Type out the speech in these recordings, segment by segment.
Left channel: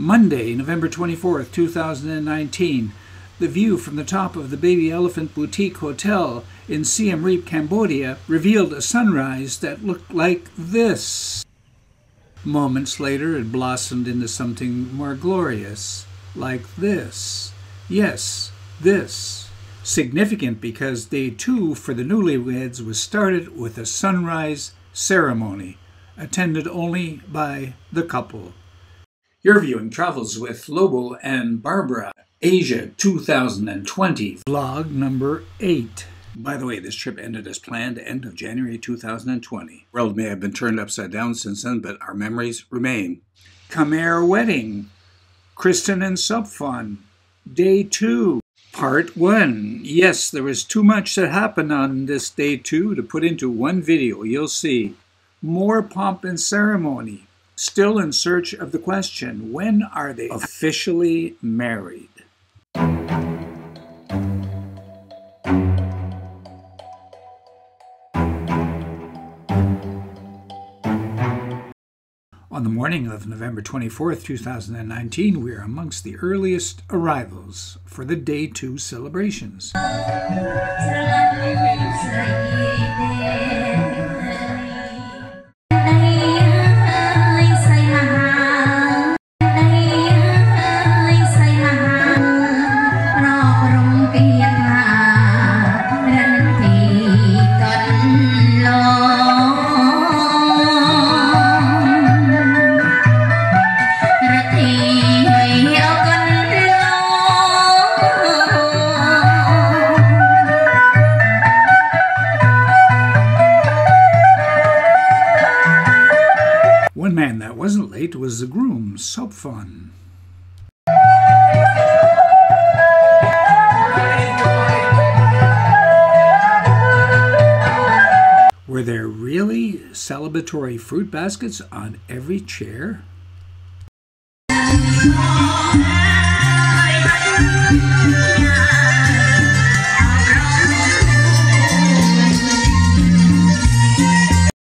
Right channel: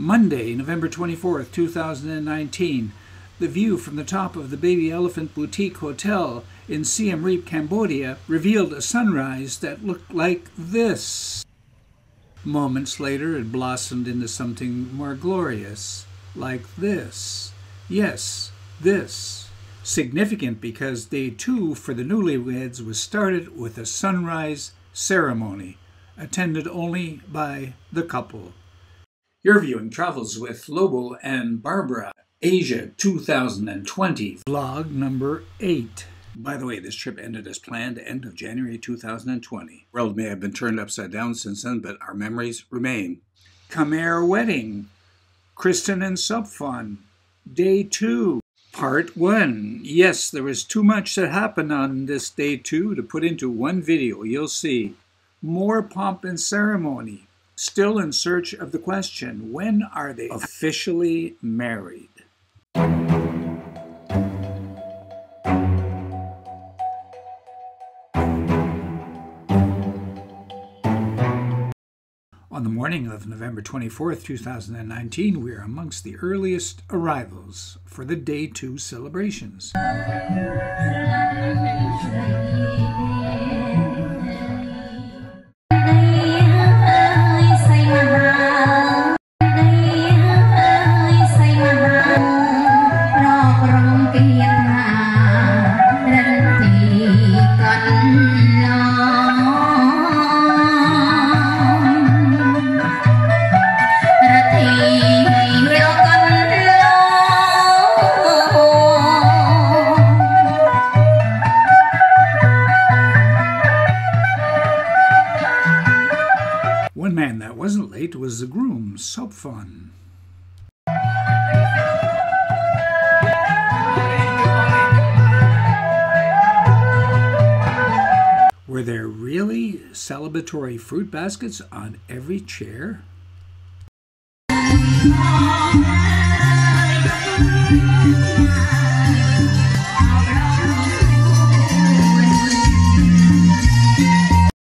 Monday, November 24th, 2019. The view from the top of the Baby Elephant Boutique Hotel in Siem Reap, Cambodia, revealed a sunrise that looked like this. Moments later, it blossomed into something more glorious, like this. Yes, this. Significant because day 2 for the newlyweds was started with a sunrise ceremony, attended only by the couple. You're viewing Travels with Lobo and Barbara, Asia 2020, vlog number 8. By the way, this trip ended as planned, end of January 2020. The world may have been turned upside down since then, but our memories remain. Khmer Wedding, Kristin and Sokphon, Day 2, Part 1. Yes, there was too much that happened on this Day 2 to put into one video, you'll see. More pomp and ceremony. Still in search of the question, when are they officially married? On the morning of November 24th, 2019, we are amongst the earliest arrivals for the Day 2 celebrations. One man that wasn't late was the groom, Sokphon. Were there really celebratory fruit baskets on every chair?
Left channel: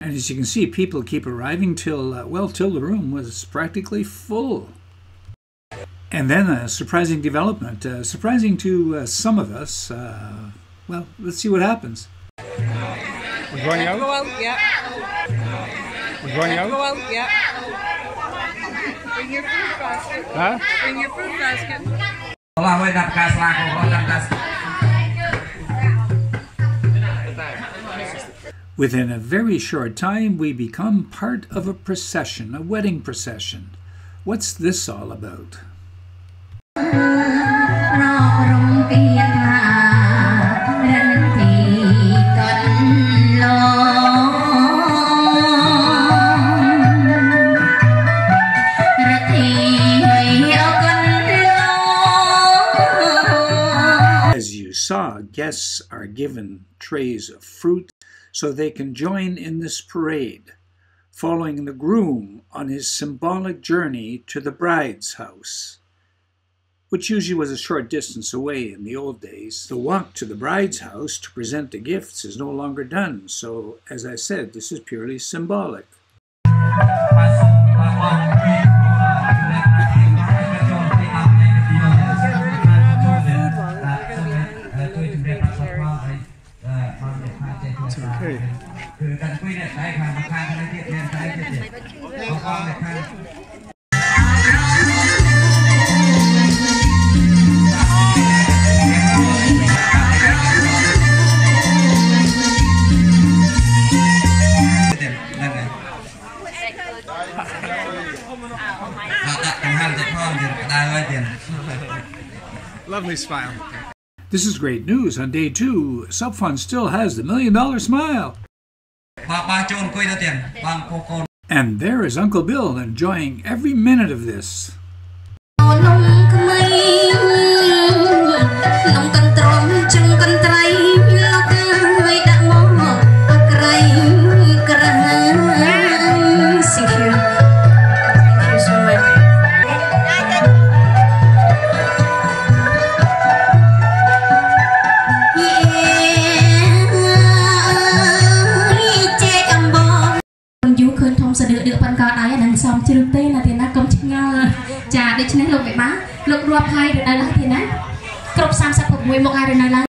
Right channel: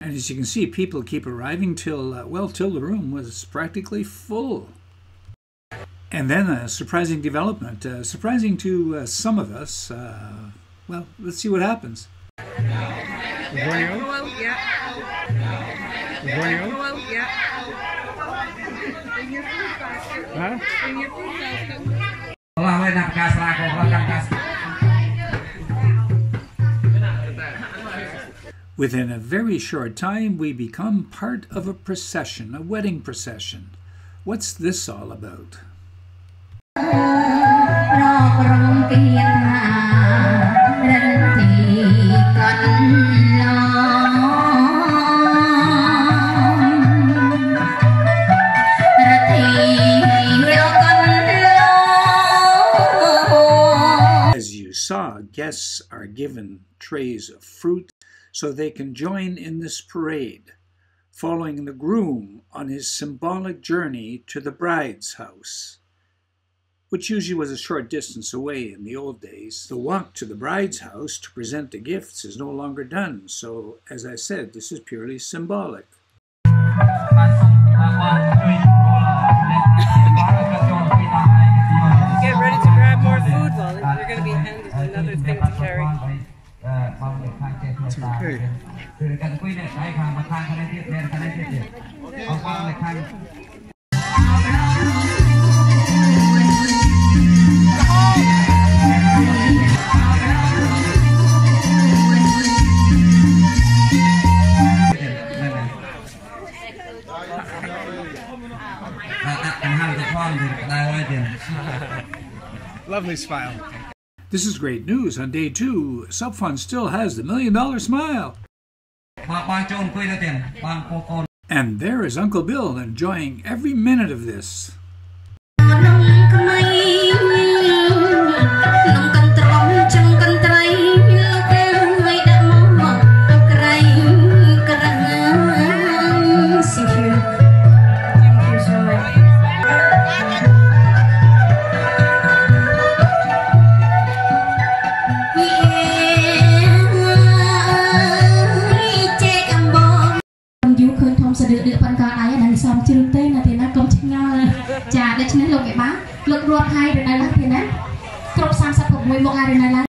As you can see, people keep arriving till the room was practically full. And then a surprising development, surprising to some of us. Well, let's see what happens. We're going out? Go out, yeah. We're going out? Go out, yeah. Bring your fruit basket. Huh? Bring your fruit basket. Within a very short time, we become part of a procession, a wedding procession. What's this all about? As you saw, guests are given trays of fruit so they can join in this parade, following the groom on his symbolic journey to the bride's house, which usually was a short distance away in the old days. The walk to the bride's house to present the gifts is no longer done, so as I said, this is purely symbolic. Get ready to grab more food, Wally. You're going to be handed another thing to carry. It's okay. Lovely smile. This is great news. On Day 2, Sokphon still has the $1 million smile. And there is Uncle Bill enjoying every minute of this. Chà, đây chính là lục bị bá, lục rùa khai được đây là thế này. Cột sang sắp phục mùi một ai được đây là.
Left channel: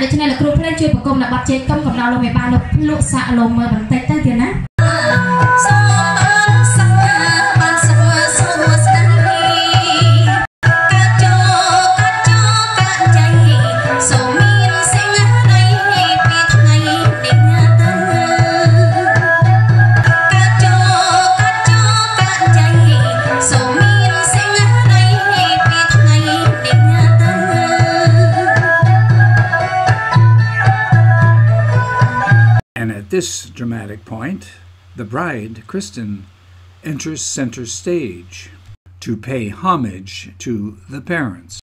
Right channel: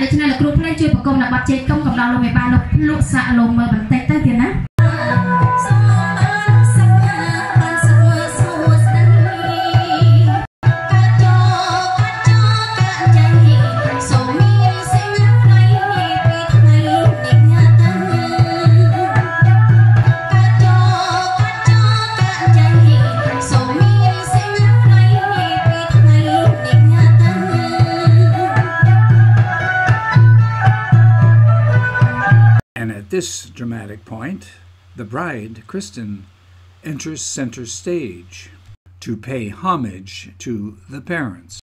Đây cho nên là group lên chơi của công là bắt chơi công cộng đào lồng 13 lục lụa xạ lồng mờ bằng tay tay tiền á. At this dramatic point, the bride, Kristin, enters center stage to pay homage to the parents.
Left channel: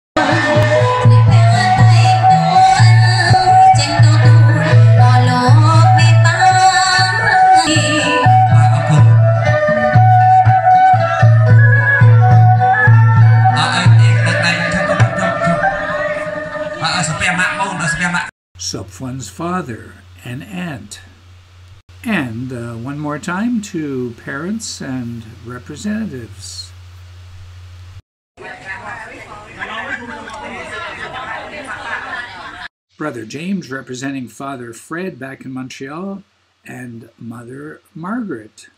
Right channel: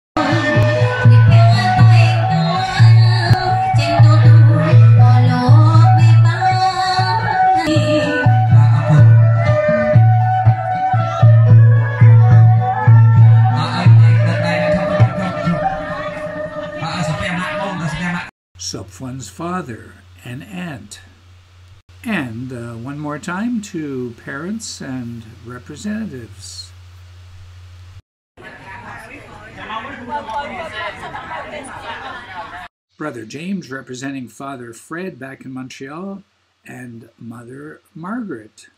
Sokphon's father and aunt. And one more time to parents and representatives. Brother James representing Father Fred back in Montreal and Mother Margaret.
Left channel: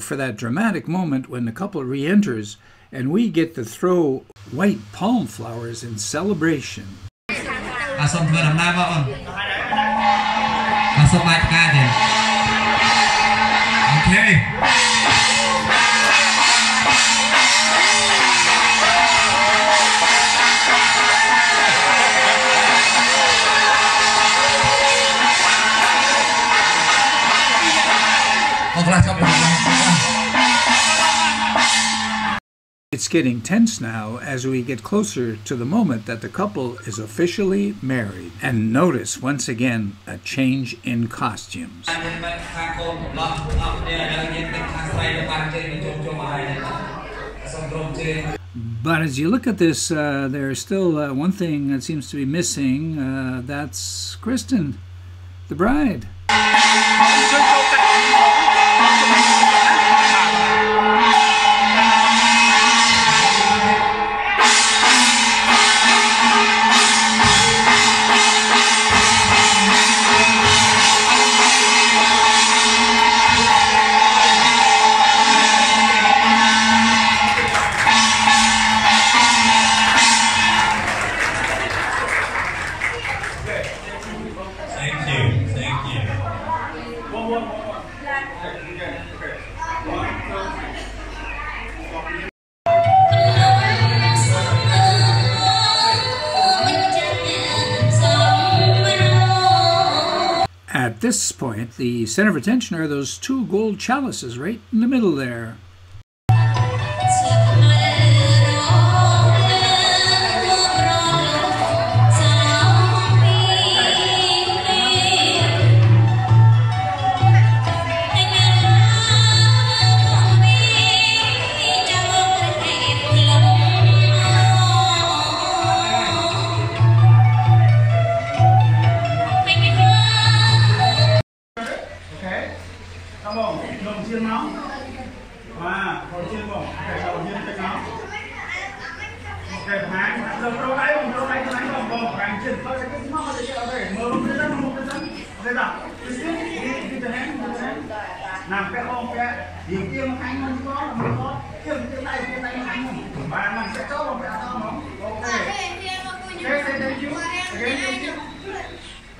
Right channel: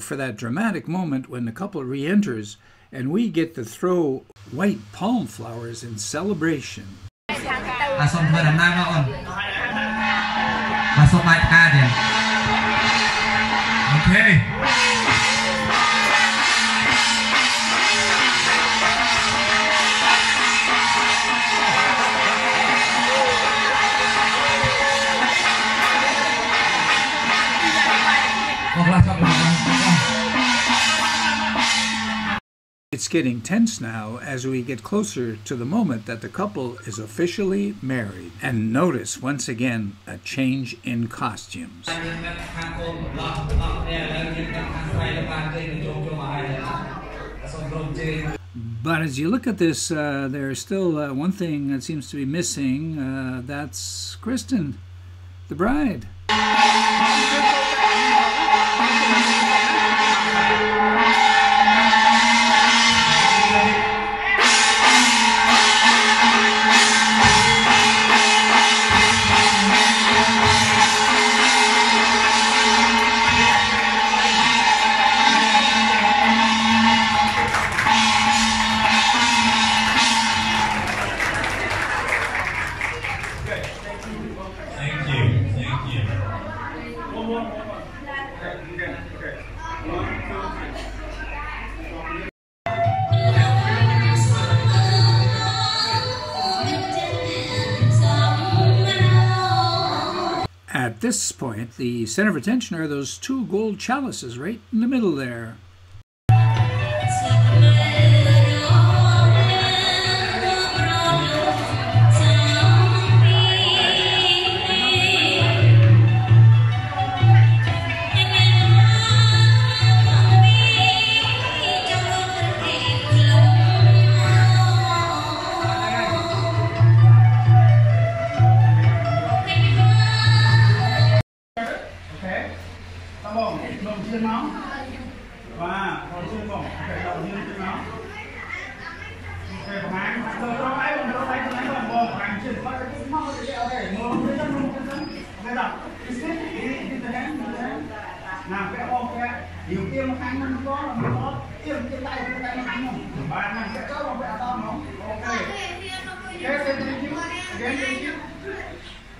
For that dramatic moment when the couple re-enters and we get to throw white palm flowers in celebration. Okay. It's getting tense now as we get closer to the moment that the couple is officially married. And notice once again a change in costumes. But as you look at this, there's still one thing that seems to be missing. That's Kristin, the bride. At this point, the center of attention are those two gold chalices right in the middle there.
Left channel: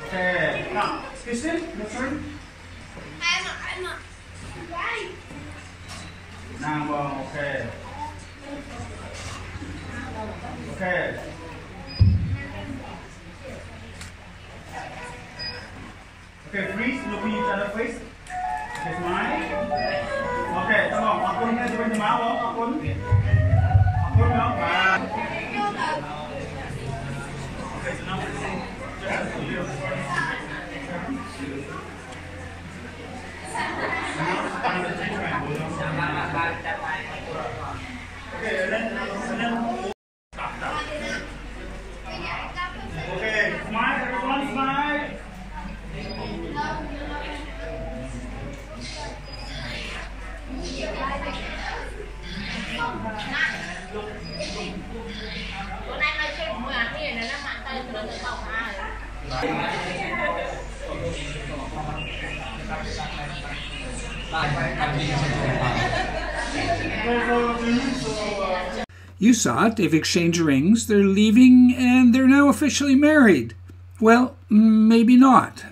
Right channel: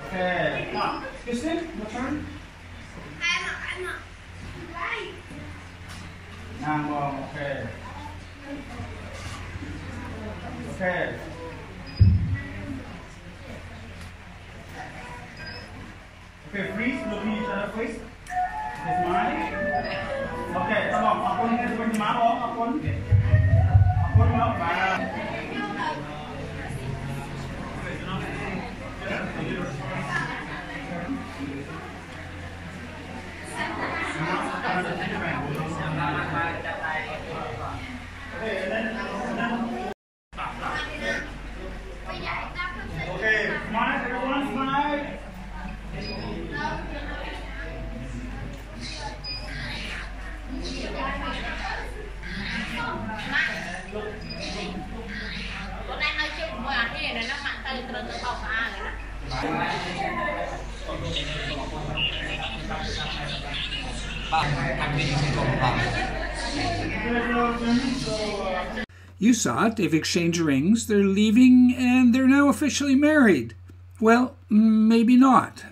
Okay, now, Kristin, your turn. Okay. Okay. Okay, please look at each other, please. Okay, smile. Okay, come on. Akun na di ba mo? Akun. Akun no. Okay, so now. Okay, smile, everyone, smile. You saw it, they've exchanged rings, they're leaving, and they're now officially married. Well, maybe not.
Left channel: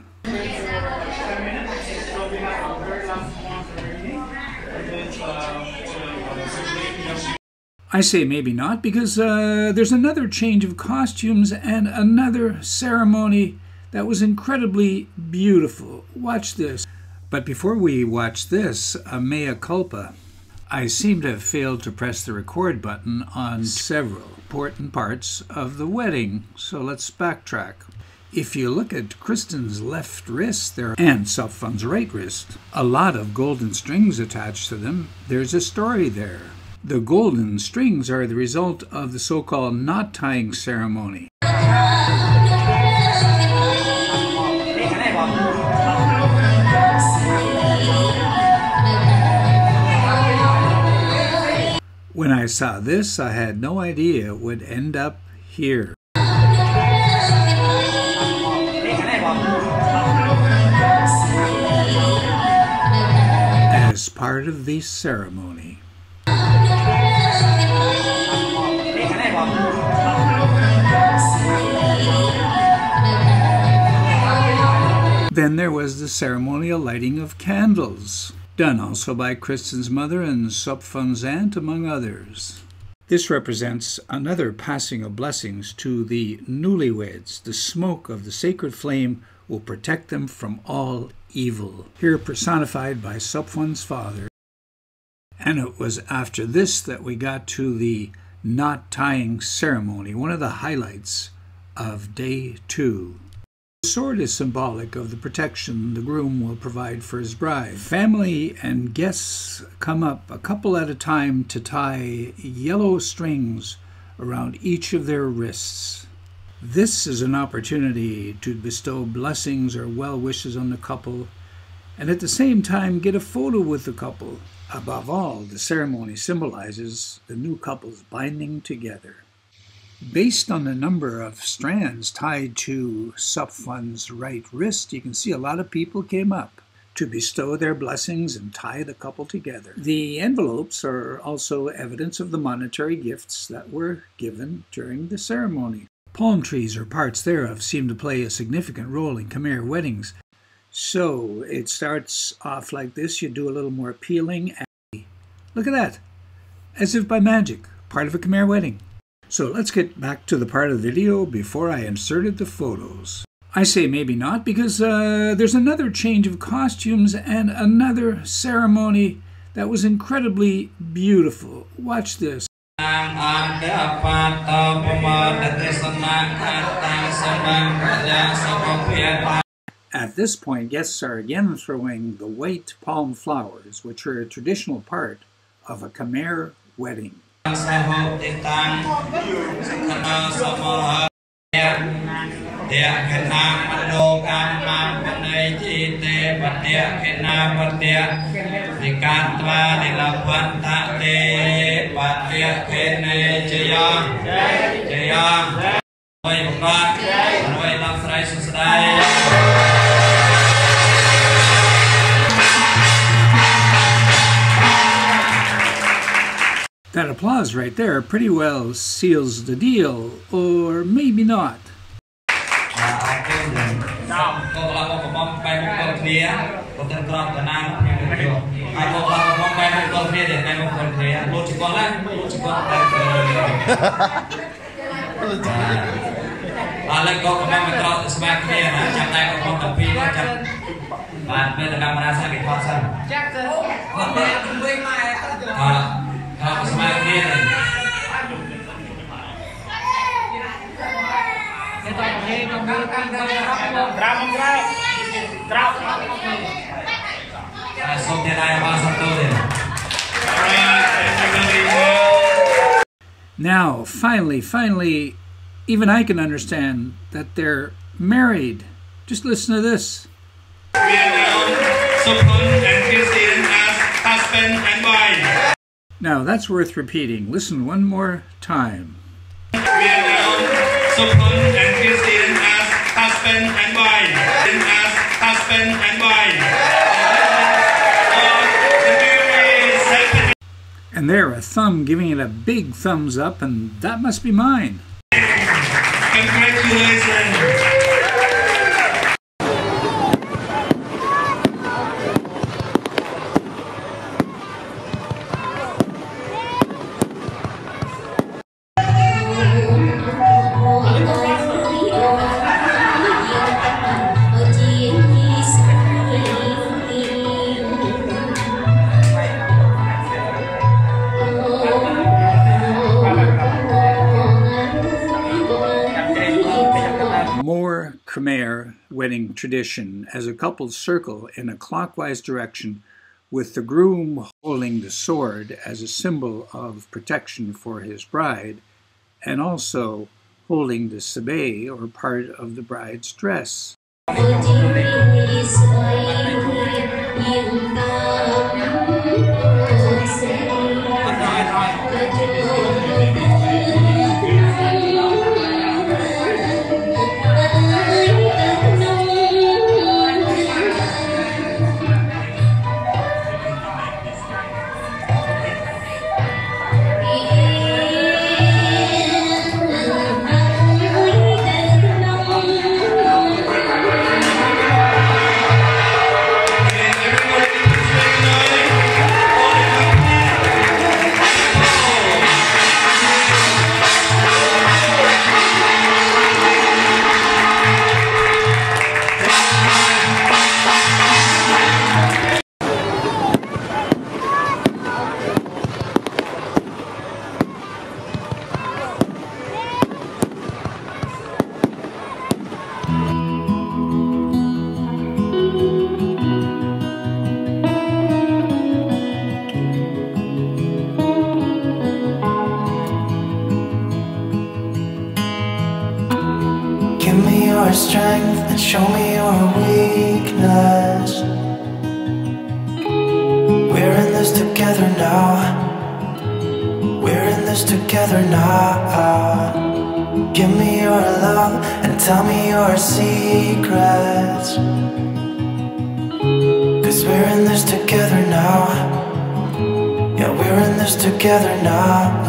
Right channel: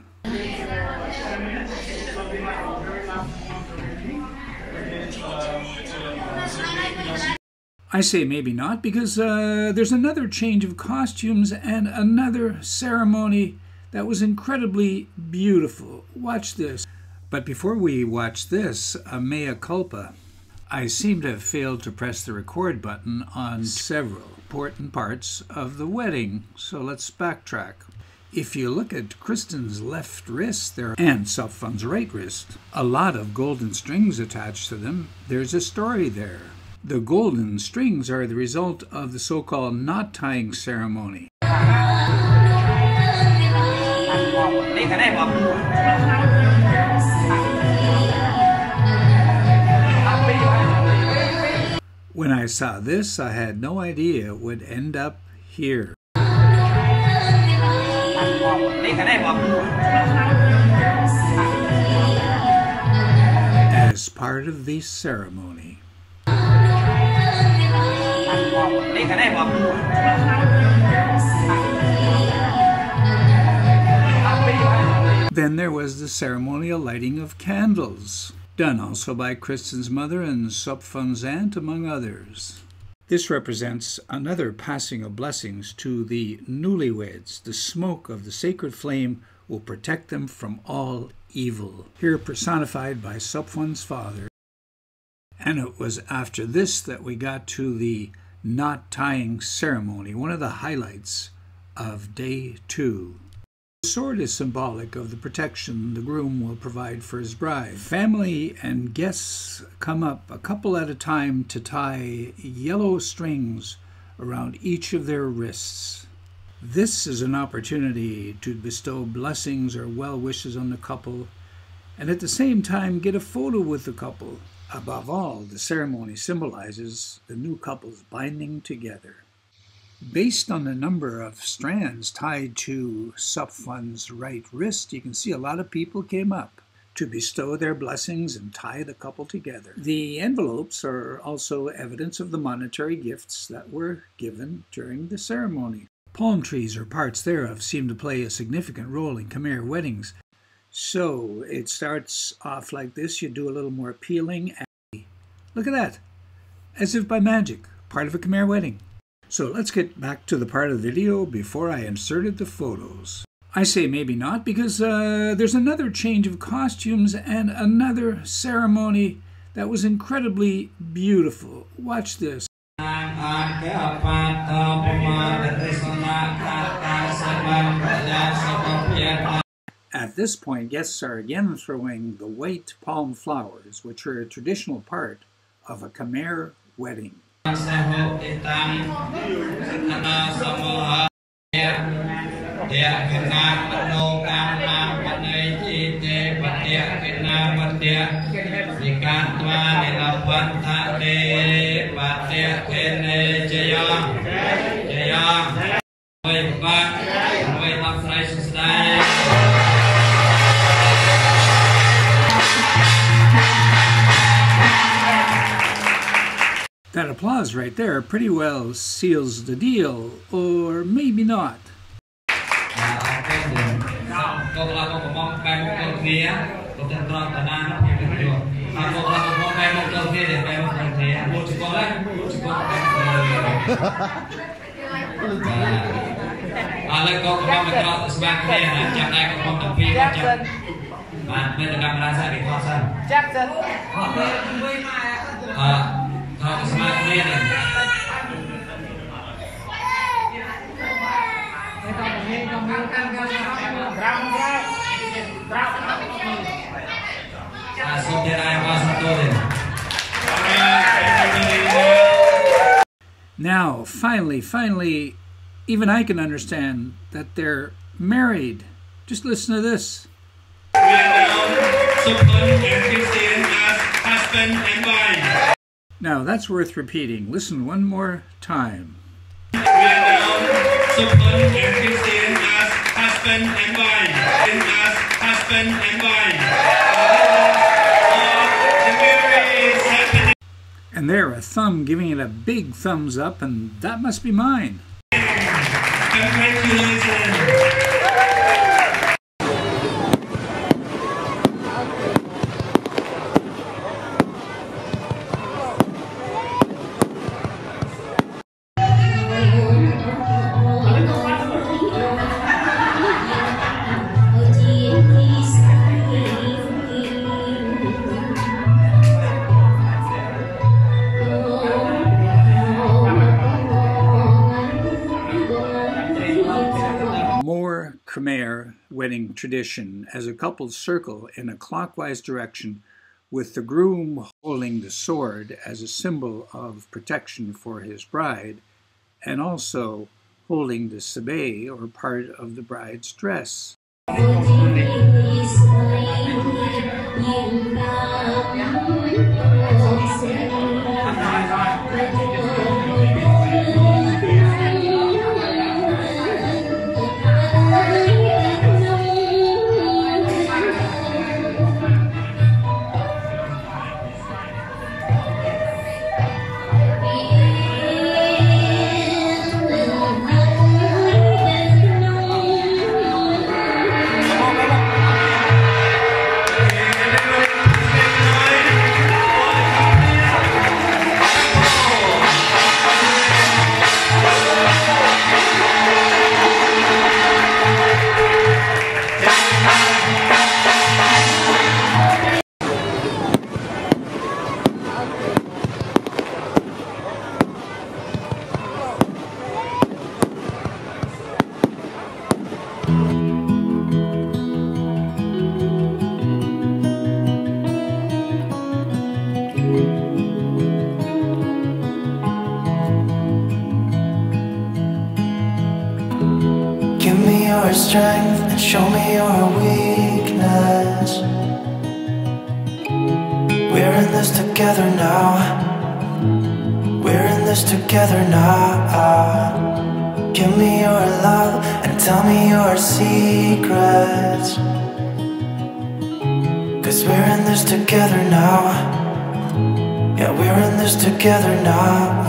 I say maybe not because there's another change of costumes and another ceremony that was incredibly beautiful. Watch this. But before we watch this, a mea culpa. I seem to have failed to press the record button on several important parts of the wedding, so let's backtrack. If you look at Kristin's left wrist there and Sokphon's right wrist, a lot of golden strings attached to them. There's a story there. The golden strings are the result of the so-called knot tying ceremony. When I saw this, I had no idea it would end up here. As part of the ceremony. Then there was the ceremonial lighting of candles, done also by Kristin's mother and Sokphon's aunt, among others. This represents another passing of blessings to the newlyweds. The smoke of the sacred flame will protect them from all evil, here personified by Sokphon's father. And it was after this that we got to the knot tying ceremony, one of the highlights of day 2. The sword is symbolic of the protection the groom will provide for his bride. Family and guests come up a couple at a time to tie yellow strings around each of their wrists. This is an opportunity to bestow blessings or well wishes on the couple and at the same time get a photo with the couple. Above all, the ceremony symbolizes the new couple's binding together. Based on the number of strands tied to Sokphon's right wrist, you can see a lot of people came up to bestow their blessings and tie the couple together. The envelopes are also evidence of the monetary gifts that were given during the ceremony. Palm trees or parts thereof seem to play a significant role in Khmer weddings. So it starts off like this. You do a little more peeling. And look at that. As if by magic, part of a Khmer wedding. So let's get back to the part of the video before I inserted the photos. I say maybe not because there's another change of costumes and another ceremony that was incredibly beautiful. Watch this. At this point, guests are again throwing the white palm flowers, which are a traditional part of a Khmer wedding. That applause right there pretty well seals the deal, or maybe not. Now, finally, even I can understand that they're married. Just listen to this. Sokphon and Kristin as husband and wife. Now, that's worth repeating. Listen one more time. Sokphon and Kristin as husband and wife. As husband and wife. And there, a thumb giving it a big thumbs up, and that must be mine. Congratulations. More Khmer wedding tradition as a couple circle in a clockwise direction with the groom holding the sword as a symbol of protection for his bride and also holding the sabay or part of the bride's dress. Give me your strength and show me your weakness. We're in this together now. We're in this together now. Give me your love and tell me your secrets. 'Cause we're in this together now. Yeah, we're in this together now.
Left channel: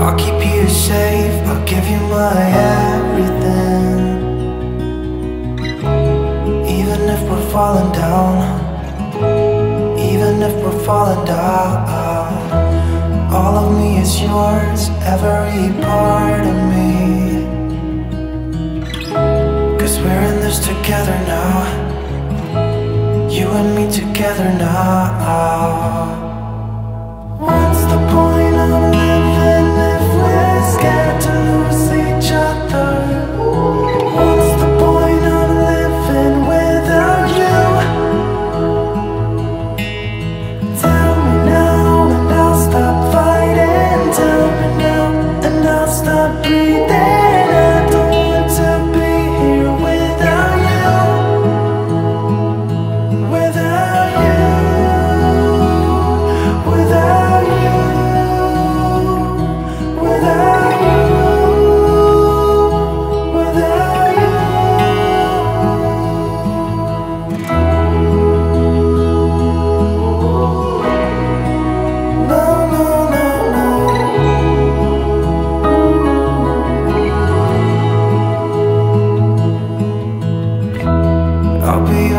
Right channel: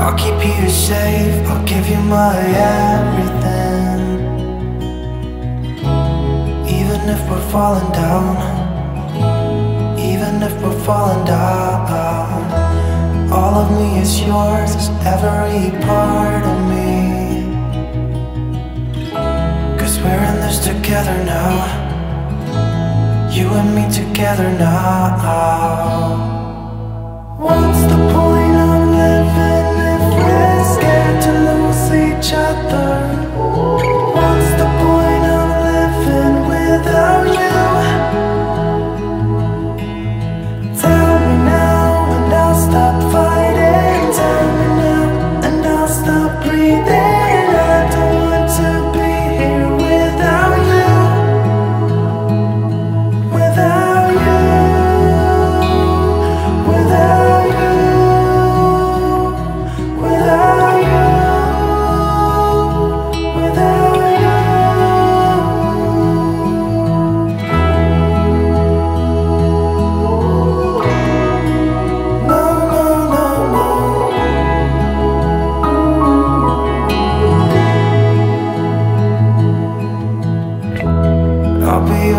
I'll keep you safe, I'll give you my everything. Even if we're falling down, even if we're falling down, all of me is yours, every part of me. 'Cause we're in this together now. You and me together now. What's the point of living if we're scared to lose each other? What's the point of living without you? Tell me now and I'll stop fighting. Tell me now and I'll stop breathing. I don't want to be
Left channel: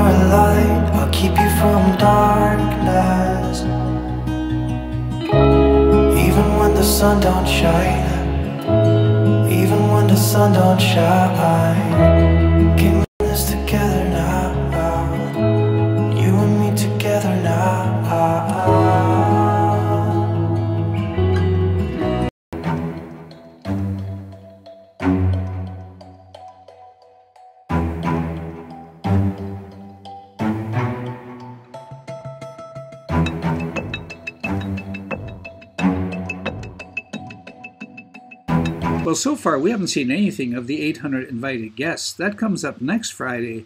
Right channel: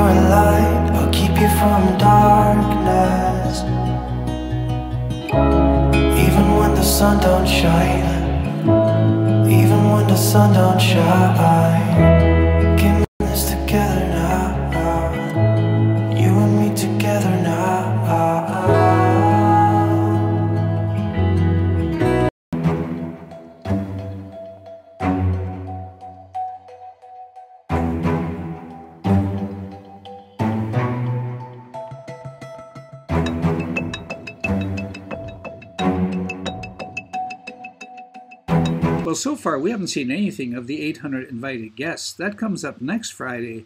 a light, I'll keep you from darkness. Even when the sun don't shine, even when the sun don't shine. Keep this together now, you and me together now. Well, so far we haven't seen anything of the 800 invited guests. That comes up next Friday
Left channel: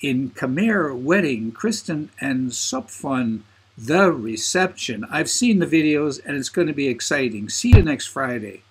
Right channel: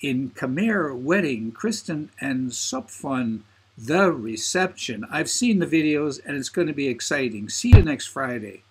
in Khmer Wedding, Kristin and Sokphon, The Reception. I've seen the videos and it's going to be exciting. See you next Friday.